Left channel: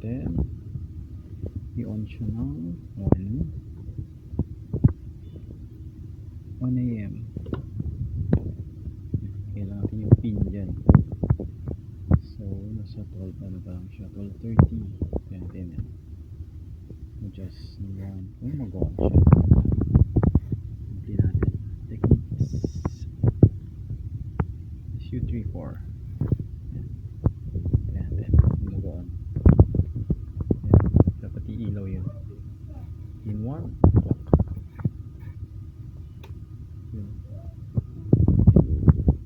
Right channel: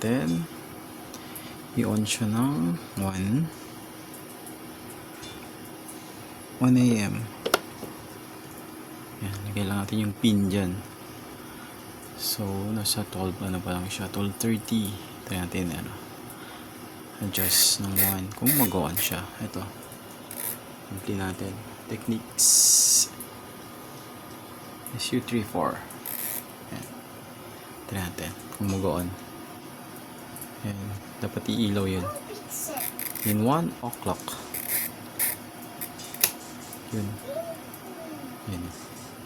Then i-on siya ng 1 a.m. Yan, lagay lang natin yung pin dyan. So nasa 12 ano pa lang siya, 12:30. Tayo natin adjust ng 1 kung mag-on siya. Ito play natin techniques SU34. Yan, tayo natin kung mag-on. Yan, dapat iilaw yun in 1 o'clock. Yun. Yan.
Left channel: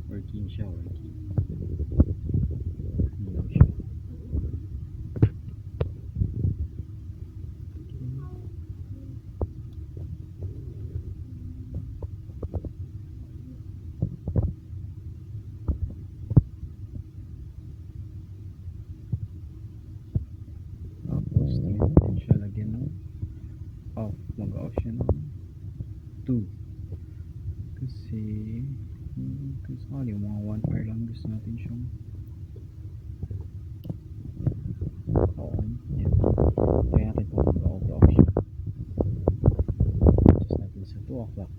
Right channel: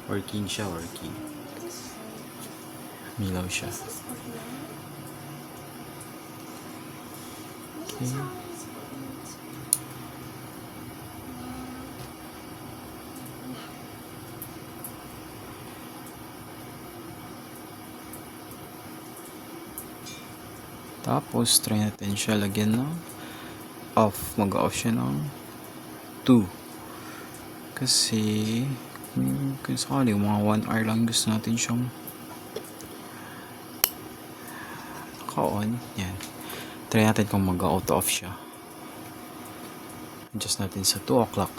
Working siya, working. Milaw siya. Okay. Tapos try natin siya lagyan ng off. Mag-off siya ng 2 kasi kung sakali mga 1 hour lang gusto natin siyang naka-on. Yan, try natin kung mag-auto off siya. Adjust natin sa 2 o'clock.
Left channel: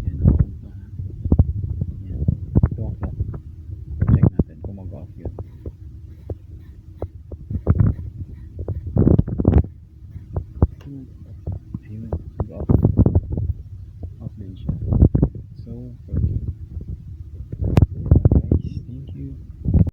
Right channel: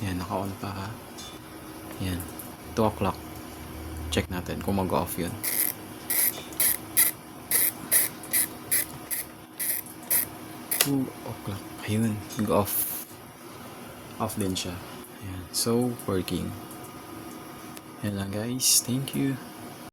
Yan, naka-on pa. Yan, 2 o'clock. Check natin kung mag-off yun. Ayun, mag-off. Off din siya. Ayan. So, working. Yan lang guys. Thank you.